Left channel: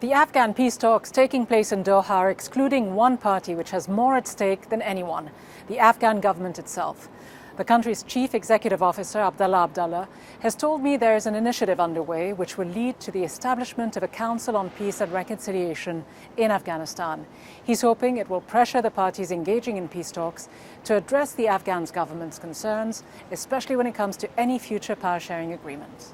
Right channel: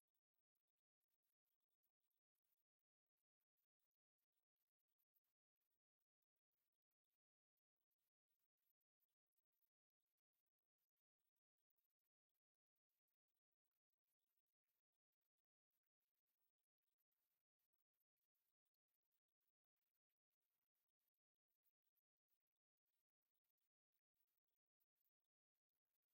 The Afghan peace talks taking place in Doha are excluding one party which has more at stake than anyone, the Afghan government itself. The country's chief executive officer, Abdullah Abdullah, has told me there is an initiative underway which will lead to the establishment of a Council on Peace and Reconciliation in Afghanistan. He's hoping it will pressure the parties engaging in peace talks to address the Afghan government's concerns, especially when it comes to any future power-sharing agreements.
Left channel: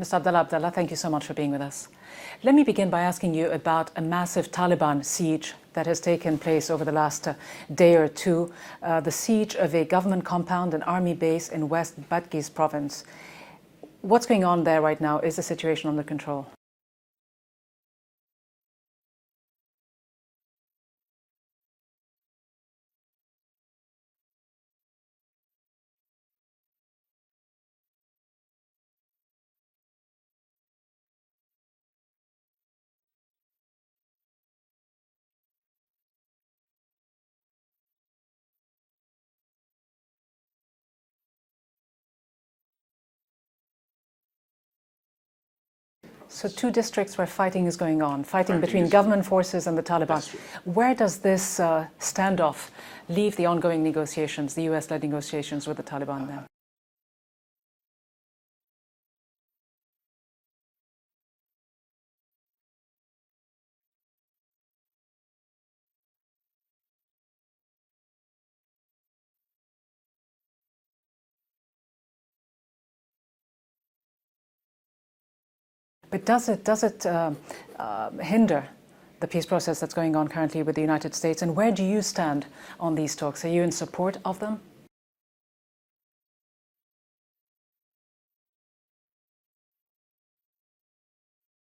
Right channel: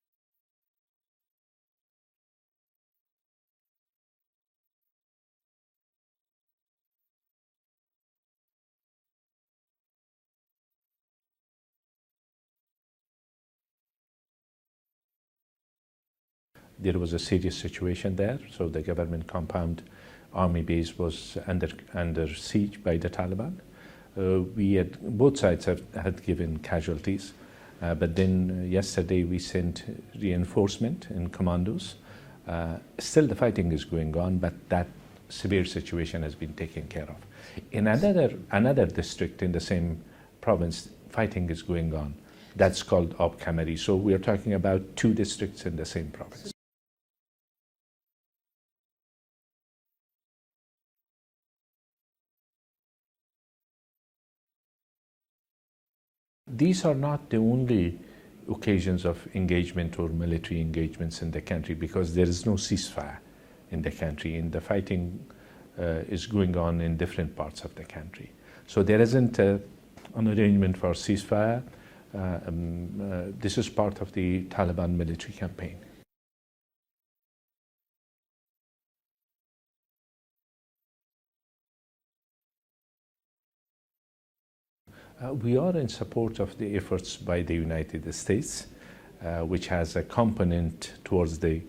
Mr. Abdullah Abdullah, thank you so much for being with us. Let me begin by asking you about a massive Taliban siege that has taken place over the last day or two, the siege of a government compound, an army base in West Badghis province. What's going on there right now? Is the situation under control? There was a serious situation there, so the government compound army base was under siege by the Taliban. Both sides had given casualties. But then yesterday we sent reinforcement in commandos. Still the fighting is going on, but that severe situation has been taken care of. In another district in the same province, fighting is going on. That's called Kamari. So we are talking about two districts in the same province. So two districts where fighting is going on, fighting between government forces and the Taliban. Where does this standoff leave the ongoing negotiations, the US-led negotiations with the Taliban now? These are not the only occasions of engagement or military engagements in the country, because there is no ceasefire in the country, and the fighting is going on in different parts of the country. So there isn't an arrangement for ceasefire. This is part of the Taliban military campaign. But does it hinder the peace process that's going on currently with the United States? And where do you stand on these talks? Are you in support of them? We are in support of the efforts by the United States, which has a component towards the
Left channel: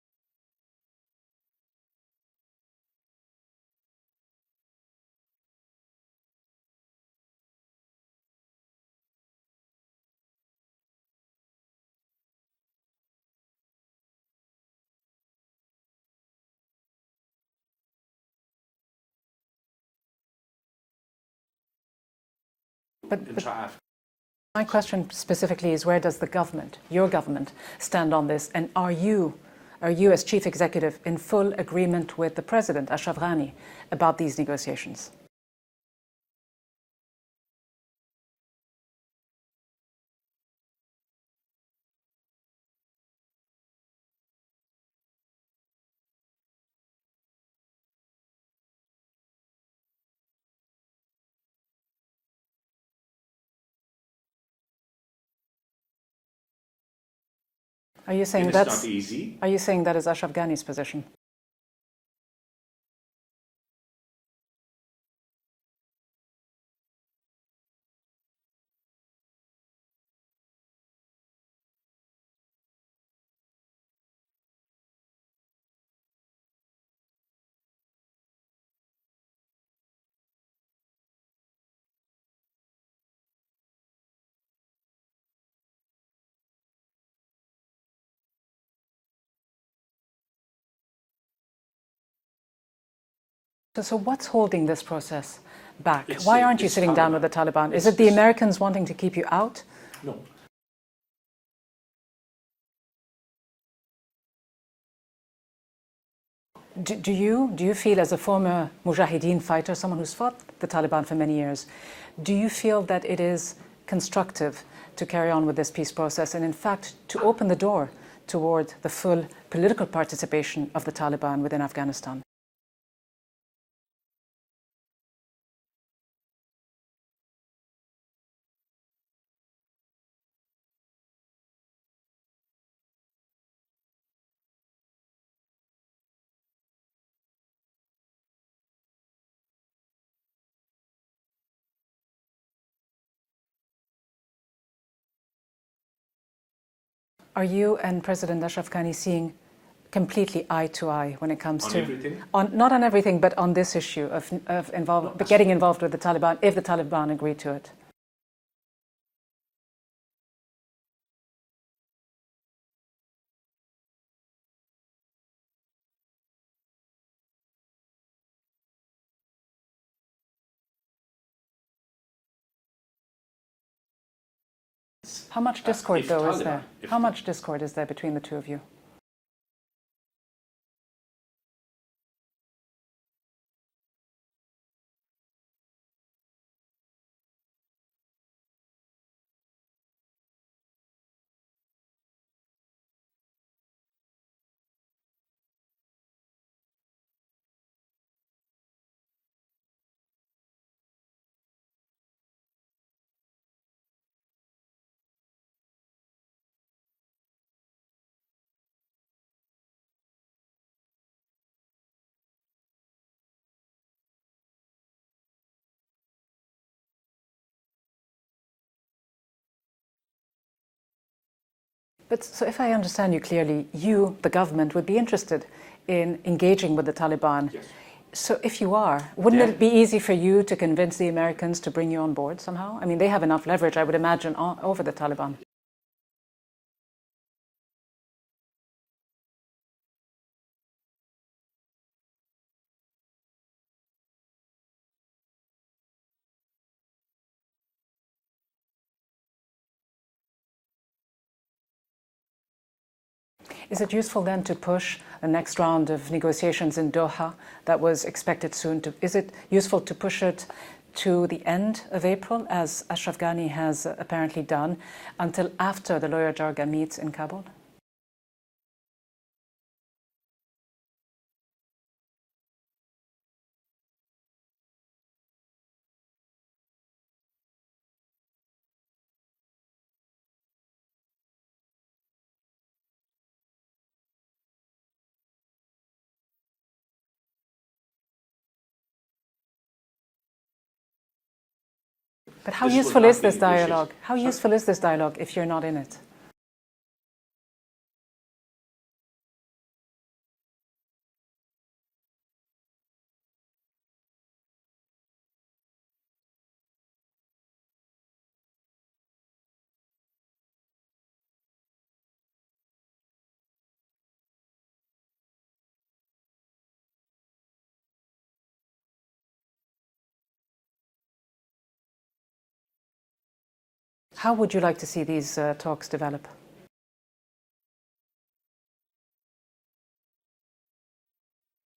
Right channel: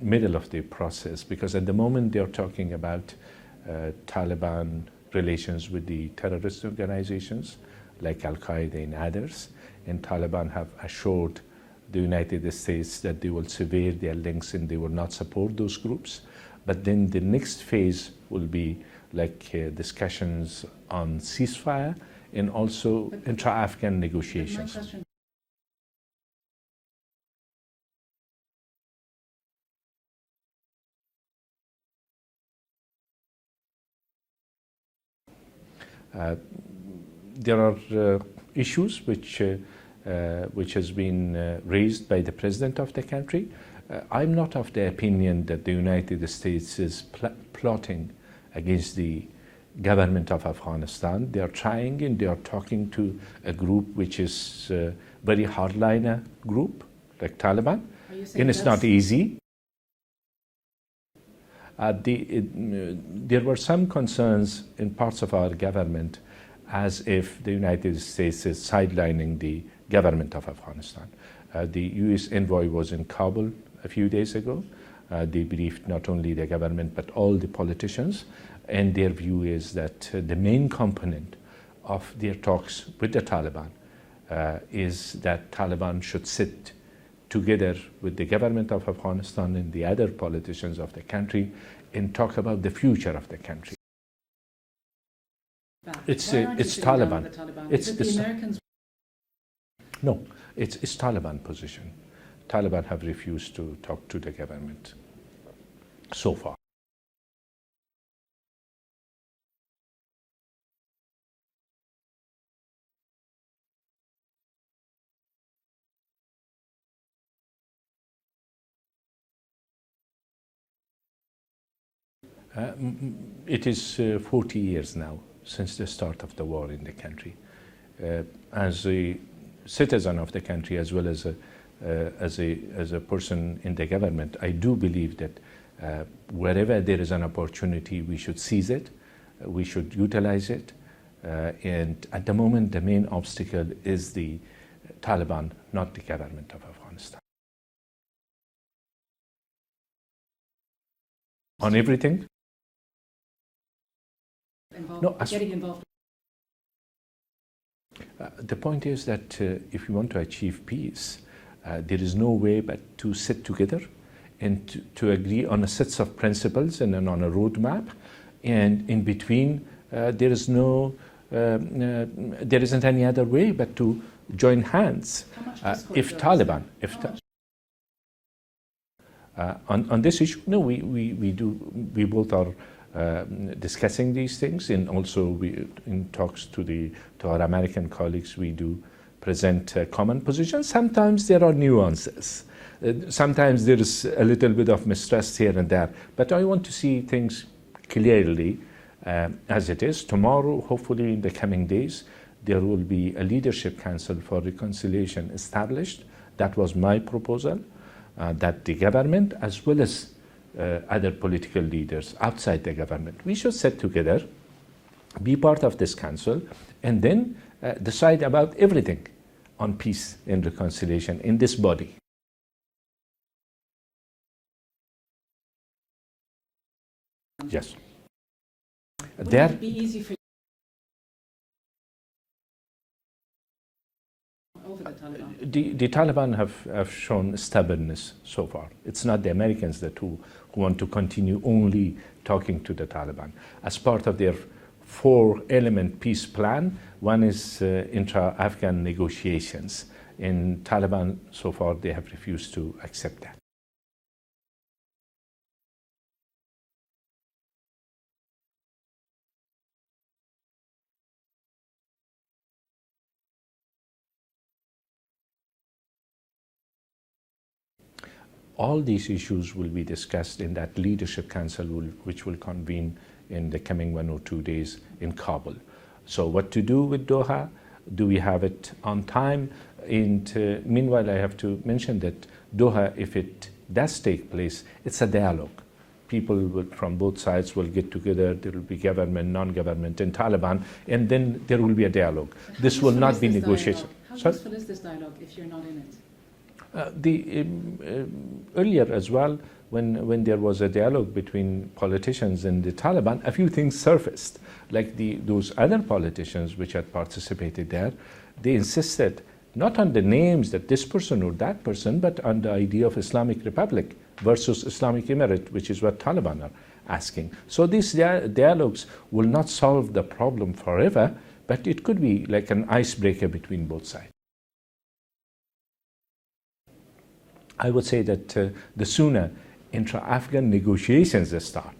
middle of the process, because at the moment they're talking about Taliban relations with the terrorist organizations like Al-Qaeda and others, and Taliban have assured the United States that they will sever their links and they will not support those groups. But then the next phase will be like discussions on ceasefire and also intra-Afghan negotiations. My question specifically is, where does the government, your government, stand on this? And are you as chief executive in full agreement with the president, Ashraf Ghani, about these negotiations? There are issues which has been raised by the president of the country. I'm not of the opinion that the United States is plotting against the government of Afghanistan. They are trying, and they are talking to a group which is very hardliner group, like Taliban. Are you saying and it's not easy? Are you saying that is Ashraf Ghani's position? There were some concerns in parts of our government as if the United States is sidelining the government of Afghanistan. The US envoy was in Kabul a few days ago. They briefed not only the government but all the politicians, and their view is that the main component of their talks with the Taliban is that Taliban should sit together with the government of Afghanistan and the other politicians of the country and talk about the future of the country. So what's holding this process back? Why aren't you sitting down with the Taliban? Is it the Americans wanting to keep you out? No, it's Taliban position. Taliban have refused to talk to the government so far. Do you feel, as a former Mujahideen fighter, someone who's fought the Taliban for many years, do you feel that it is constructive to carry on with this peace process and in fact to open the door toward the full political participation of the Taliban within Afghanistan? It is 40 years now since the start of the war in the country. As a citizen of the country, as well as a person in the government, I do believe that wherever there is an opportunity, we should seize it, we should utilize it. And at the moment, the main obstacle is the Taliban, not the government of Afghanistan. Are you and President Ashraf Ghani seeing completely eye to eye when it comes to everything? Not on everything, but on this issue of getting involved with the Taliban, if the Taliban agree to it? The point is that if you want to achieve peace, there is no way but to sit together and to agree on a set of principles and on a roadmap, and in between there isn't any other way but to join hands. How much discord, if though, Taliban, is there? How much discord is there between the two of you? On this issue, no, we both are discussing these things, and also in talks to our American colleagues, we do present common positions. Sometimes there are nuances. Sometimes there is a little bit of mistrust here and there, but I want to see things clearly as it is. Tomorrow, hopefully in the coming days, there will be a leadership council for reconciliation established. That was my proposal, that the government as well as other political leaders outside the government, we should sit together, be part of this council, and then decide about everything on peace and reconciliation in this body. But so if I understand you clearly, you, the government, would be interested in engaging with the Taliban. Yes. So if you are, wouldn't it be easy for you to convince the Americans to bring you on board somehow? I mean, they have enough leverage, I would imagine, over the Taliban. The Taliban have shown stubbornness so far. It's not the Americans who want to continue only talking to the Taliban. As part of their 4-element peace plan, one is intra-Afghan negotiations. In Taliban, so far, they have refused to accept that. Is it useful then to push the next round of negotiations in Doha that was expected soon? Is it useful to push it to the end of April, as Ashraf Ghani has apparently done, until after the Loya Jirga meets in Kabul? All these issues will be discussed in that leadership council, which will convene in the coming 1 or 2 days in Kabul. So what to do with Doha? Do we have it on time? And meanwhile, I have to mention that Doha, if it does take place, it's a dialogue. People from both sides will get together. There will be government, non-government, and Taliban, and then there will be a dialogue. But how useful is this dialogue? How useful is this dialogue if you're not in it? Earlier as well, when there was a dialogue between politicians and the Taliban, a few things surfaced. Like those other politicians which had participated there, they insisted not on the names that this person or that person, but on the idea of Islamic Republic versus Islamic Emirate, which is what Taliban are asking. So these dialogues will not solve the problem forever, but it could be like an icebreaker between both sides. How would you like to see these talks develop? I would say that the sooner intra-Afghan negotiations start,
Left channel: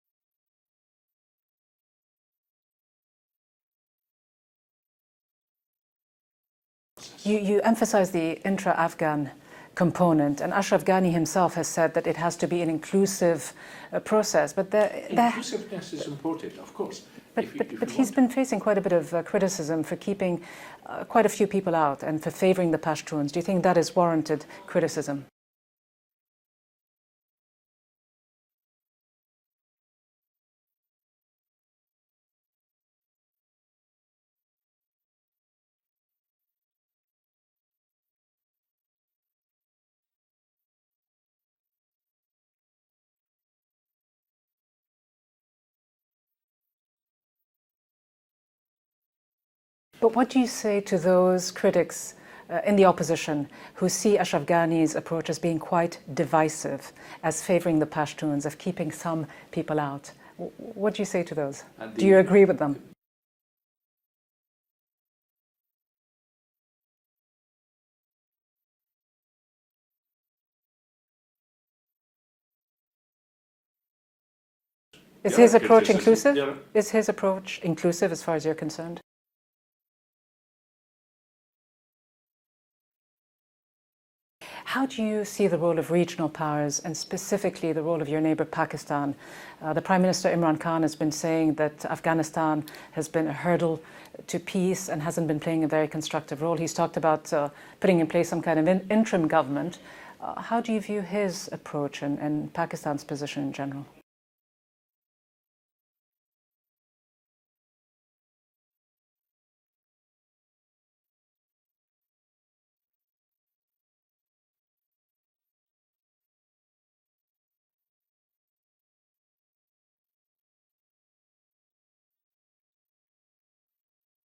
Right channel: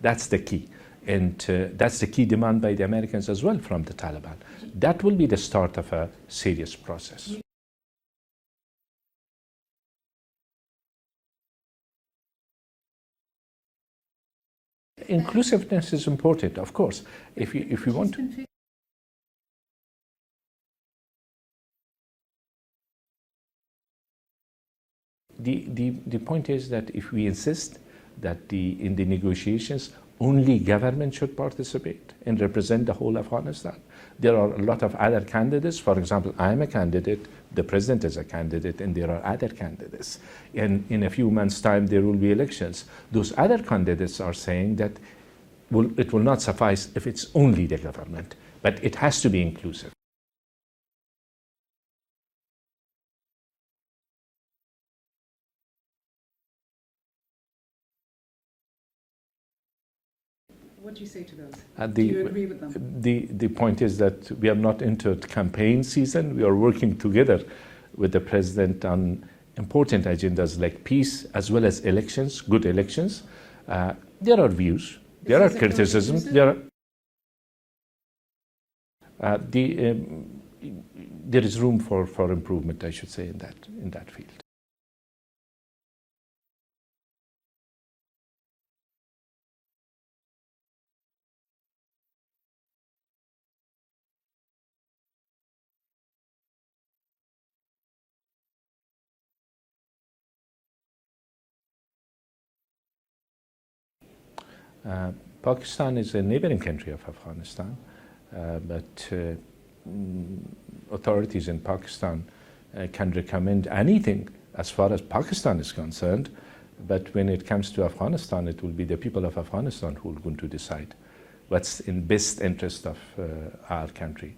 that's the key. And that's the key demand by the Americans as well from the Taliban. That will be the start of a serious process. You emphasize the intra-Afghan component, and Ashraf Ghani himself has said that it has to be an inclusive process. But inclusiveness is important, of course. But he's been facing quite a bit of criticism for keeping quite a few people out and for favoring the Pashtuns. Do you think that is warranted criticism? The point is that if we insist that in the negotiations only government should participate and represent the whole Afghanistan, there are a lot of other candidates. For example, I am a candidate, the president is a candidate, and there are other candidates. And in a few months' time, there will be elections. Those other candidates are saying that it will not suffice if it's only the government, but it has to be inclusive. But what do you say to those critics in the opposition who see Ashraf Ghani's approach as being quite divisive, as favouring the Pashtuns, of keeping some people out? What do you say to those? Do you agree with them? The point is that we are not entered campaign season. We are working together with the president on important agendas like peace as well as elections, good elections. There are views. Is his approach inclusive? Is his approach inclusive as far as you're concerned? There is room for improvement, I should say, in that field. How do you see the role of regional powers, and specifically the role of your neighbour Pakistan? The Prime Minister Imran Khan has been saying that Afghanistan has been a hurdle to peace and hasn't been playing a very constructive role. He's talked about putting in place some kind of interim government. How do you view his approach and Pakistan's position in general? Pakistan is a neighboring country of Afghanistan, but authorities in Pakistan can recommend anything as far as Pakistan is concerned, but when it comes to Afghanistan, it will be the people of Afghanistan who are going to decide what's in best interest of our country.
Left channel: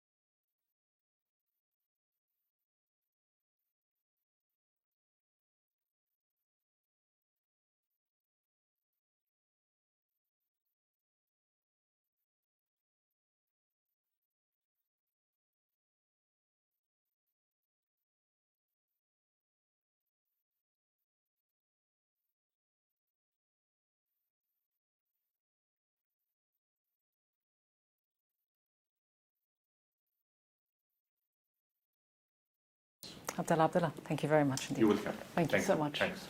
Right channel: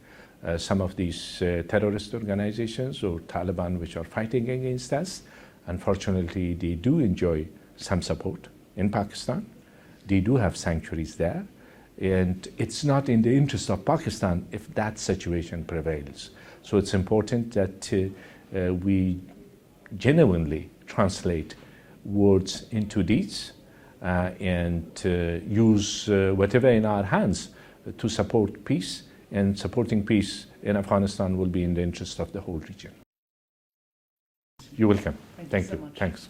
Some of these terrorist organizations or Taliban which are fighting against us, unfortunately, they do enjoy some support in Pakistan. They do have sanctuaries there, And it's not in the interest of Pakistan if that situation prevails. So it's important that we genuinely translate words into deeds and use whatever in our hands to support peace. And supporting peace in Afghanistan will be in the interest of the whole region. Abdullah, thank you very much. You're welcome. Thank you so much. Thanks.